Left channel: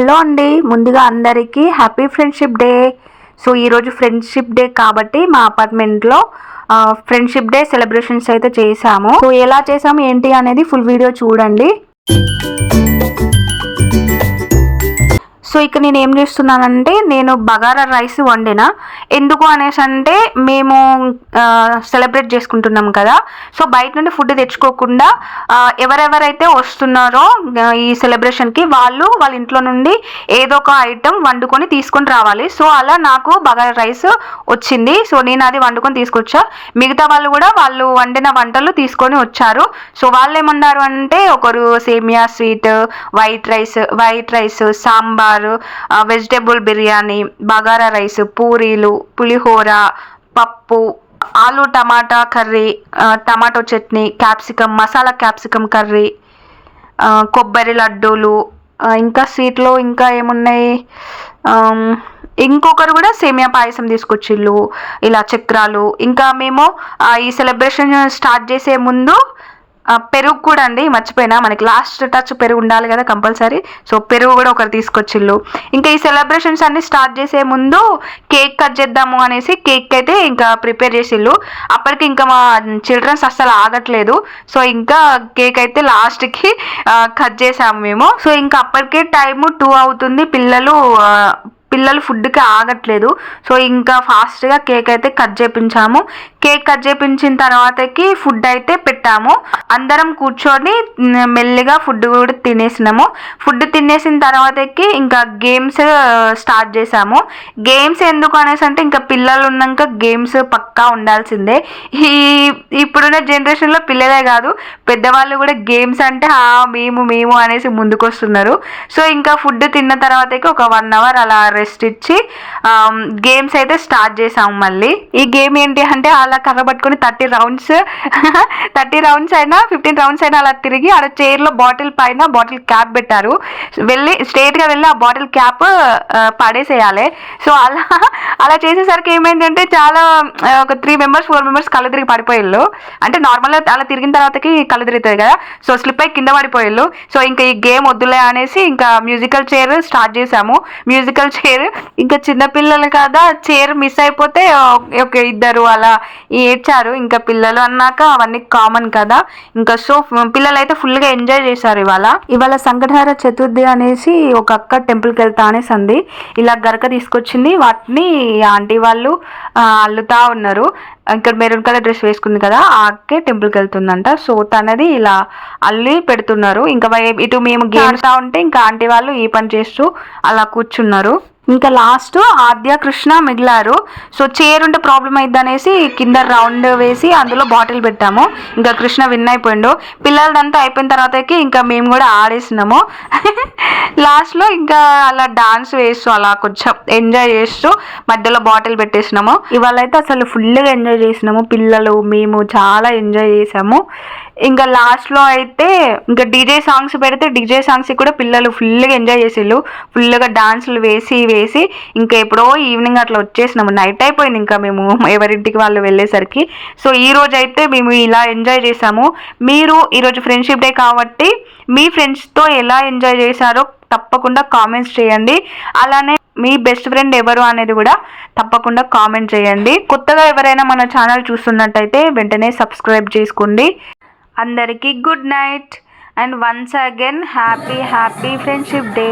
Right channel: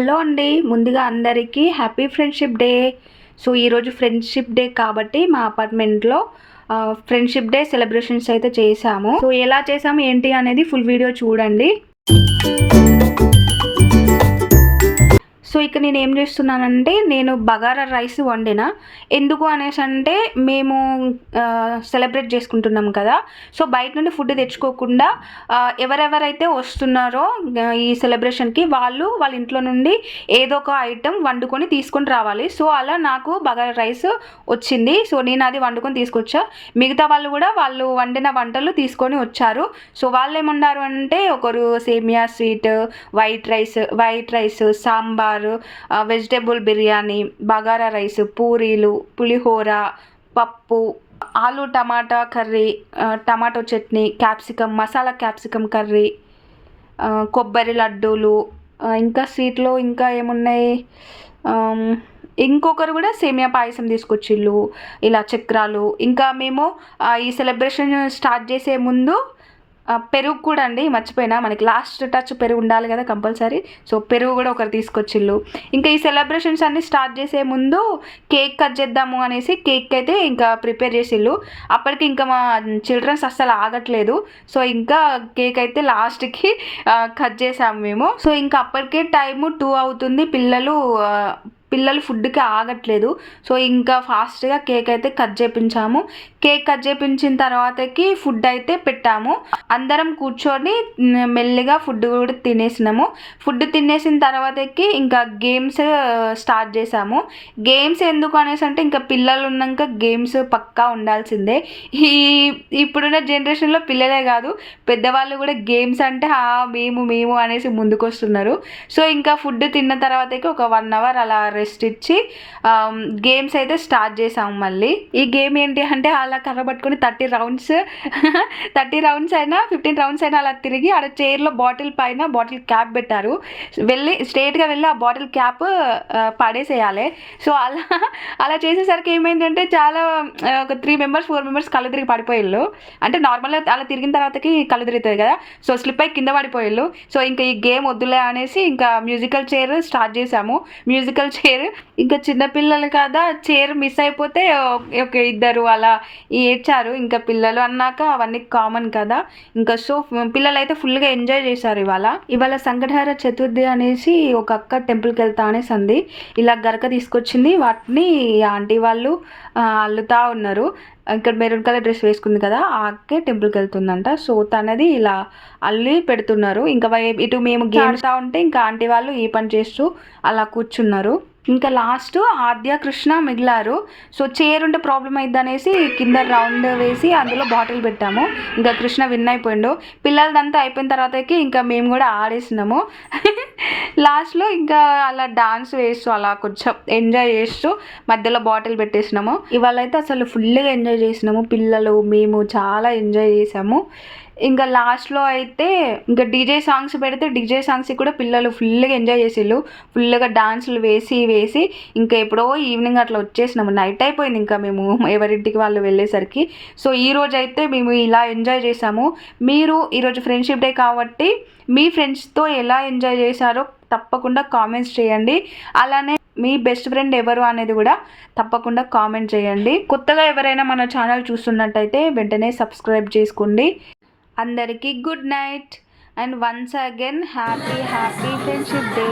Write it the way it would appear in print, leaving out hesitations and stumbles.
Hello అండి, ముందుగా అందరికీ హ్యాపీ ఫ్రెండ్షిప్ డే. సో ఈరోజు ఫ్రెండ్షిప్ డే కాబట్టి మా అపార్ట్మెంట్లో ఫ్రెండ్షిప్ డే సెలబ్రేషన్స్ అయితే చేసాము. సో ఎలా చేసాము ఏంటి అనేది ఫుల్ వీడియో చూడండి. సో ఇక్కడ నేను ఏం చేస్తున్నానంటే, నేను బగారా రైస్ వండిన. ఎందుకు అనేసి అంటే, మేము సెలబ్రేట్ చేసుకుంటున్నాం కదా. సో బయట నుండి ఫుడ్ తెచ్చుకోకుండా ఎవరెవరైతే వస్తున్నారో ఈ సెలబ్రేషన్కి వాళ్ళ ఇంట్లో నుండి ఏదో ఒక ఐటెం వండుకొని తీసుకొని రావాలి. సో అలా నాకు బగారా రైస్ వచ్చింది. సో నేను అది వండుకొని తీసుకొచ్చా. మిగతా వాళ్ళు కూడా వాళ్ళు వండిన వంటలు తీసుకొని వచ్చారు. సో వాళ్ళు ఏమన్నారు అంటే, ఒకరు సేమియా sweet, white rice, sambar, vegetable biryani, bagara rice, పూరీలు, పులిహోర, పప్పు, ఆలు tomato curry, tomato chutney, capsicum, masala capsicum curry, కొబ్బరి లడ్డూలు, ఇంకా స్వీట్లో ఇంకా ఏమున్నాయి, ఇంకొకరు కూడా సేమియా పాయసం తీసుకొచ్చిళ్ళు, ఇలా చక్రాలు. ఇంకా మేము ఈ సెలబ్రేషన్ స్టార్ట్ చేసే ముందు పెరుగు కూడా అండి, మర్చిపోయినా, మనకి లాస్ట్ టచ్ పెరుగు ఉండాలి కదా కంపల్సరీ. సో పెరుగు కూడా ఒకరు తీసుకొచ్చిళ్ళు. ఇంకా ఈ సెలబ్రేషన్స్ అన్ని స్టార్ట్ చేసే ముందు కేక్ కట్ చేద్దాము అనేసి కేక్ అయితే ఇంకా ప్రిపేర్ చేసిళ్ళు. అప్పటికి ఇంకా మా చిల్డ్రన్స్ అస్సలు ఆగట్లేదు. సో ఇంకా కేక్ అయితే లాస్ట్కి కట్ చేసాము మేము. సో ఇంకా అప్పటికే టైము 2 అవుతుంది. పిల్లలు ఫుడ్కి ఆగట్లేదు. సో ఇంకా ఫాస్ట్గా కేక్ అయితే కట్ చేయించాము. కేక్ కట్ చేయించిన తర్వాతకి ఫుడ్ అయితే పెట్టాము. అందరం కూర్చొని మెల్లిగా ఫుడ్ కూడా తినేసినాము. ఫుడ్ తినేసిన తర్వాతకి ఇంకా గేమ్స్ స్టార్ట్ చేసాము. గేమ్స్ ఎందుకు అనేసి అంటే, ఇంకా పిల్లలు ఉన్నాక గేమ్స్ పక్కా ఉండాల్సిందే. ఇప్పుడున్న జనరేషన్లో పిల్లలే కాదు, పెద్దవాళ్ళు కూడా గేమ్స్ అంటే మేము అనేసి ముందుకు వస్తున్నారు. సో ఇంకా ఫుడ్ తిన్న తర్వాతకి ఒక 1 hour అలా రెస్ట్ ఇచ్చి గేమ్స్ అయితే స్టార్ట్ చేసాము. మళ్ళీ ఈ గేమ్ ఏంటి అంటే, అలా కర్ర పట్టుకొని 30 రౌండ్స్ అయినా 15 రౌండ్స్ అయినా అలా తిరిగి ఆడ చైర్లో బాటిల్ పైన బాటిల్ క్యాప్ పెట్టారు. స్ట్రైట్గా వెళ్ళి ఆ బాటిల్ క్యాప్ పడేసేయాలి. సో అలా చేసేసరికి ఏమైందంటే, చాలా ఒక 3 members 4 members కళ్ళు తిరిగి పడిపోయిళ్ళు. అంటే నార్మల్గా అలా తిరిగిన తర్వాతకి కళ్ళు తిరుగుతుంది కదా. సో స్లిప్ అయి కింద పడిపోయిళ్ళు. సో ఇంకా ఈ గేమ్ వద్దులే అనేసి ఇంకా మ్యూజికల్ చైర్ స్టార్ట్ చేసాము. మ్యూజికల్ చైర్ ఇంకా చిన్నపిల్లలు కదా, చైర్ మిస్ అయిపోతే ఒక 2 అలా ఏడ్చారు. ఇంకా పిల్లలు అన్నాక అవన్నీ కామన్ కదా. ఇంకా సో పిల్లలు అయితే ఫుల్గా ఎంజాయ్ చేశారు. ఇవాళ సంకటహర చతుర్థి అనేసి ఒక అక్క టెంపుల్కి వెళ్తా అనేసి అంది. ఇలా గరక తీసుకొచ్చింది. వాటిని ఆంటీ వాళ్ళు అల్లుతా ఉన్నారు. ఇక్కడ మెరూన్ కలర్ డ్రెస్ వేసుకుంది కదా, ఆ అక్కే టెంపుల్కి వెళ్తుందంట. సో తనది ఇలా అల్లి పెడుతున్నారు. ఇంకా ఇటు మేము గేమ్తా ఉంటే ఇంకా ఆంటీ వాళ్ళు ఈ పని చేస్తూ అలా కూర్చున్నారు. ఇంకా లాస్ట్ ఆద్య కృష్ణ మిగిలారు. సో చైర్ ఉంటే ప్రాబ్లం అయింది అనేసి కింద రౌండ్ వేసి అందులో బాటిల్ పెట్టాము. ఇంకా కృష్ణ విన్ అయిపోయిండు. పిల్లలదంతా అయిపోయిన తర్వాతకి ఇంకా మేము కూడా ఆడేసినాము. లాస్ట్లో ఇంకా అలా డాన్స్ వేస్తూ అలా కొంచెం ఎంజాయ్ చేస్తూ మధ్యలో బాటిల్ పెట్టేసినాము. ఇవాళ అయితే అసలు ఫుల్గా ఎంజాయ్ చేసినాము. పిల్లలు మేము చాలా ఎంజాయ్ చేసాము. ఇంకా లాస్ట్లో అయితే ఇంకా డీజే సాంగ్స్ పెడితే డీజే సాంగ్స్ కూడా పిల్లలు ఫుల్గా ఎంజాయ్ చేసిళ్ళు. ఫుల్గా డాన్సులు వేసి ఇంకా ఎప్పుడో ఈవినింగ్ అట్లా వచ్చేసినాము. నైట్ అయిపోయింది ఇంకా మేము ఎవరింటికి వాళ్ళు వెళ్ళేసరికి. సో ఈరోజు అయితే మేము ఇలా ఎంజాయ్ చేసాము. మీరు ఈరోజు ఫ్రెండ్షిప్ డే కాబట్టి మీ ఫ్రెండ్స్తో ఎలా ఎంజాయ్ చేశారో తప్పకుండా కామెంట్స్ చేయండి. అలానే మీ బెస్ట్ ఫ్రెండ్ ఎవరు అనేది కూడా తప్పకుండా కామెంట్ చేయండి. కొత్తగా ఎవరైనా మన ఛానల్ చూస్తున్నట్టయితే వెంటనే సబ్స్క్రైబ్ చేసుకోండి. అందరికీ good night and once again happy friendship day.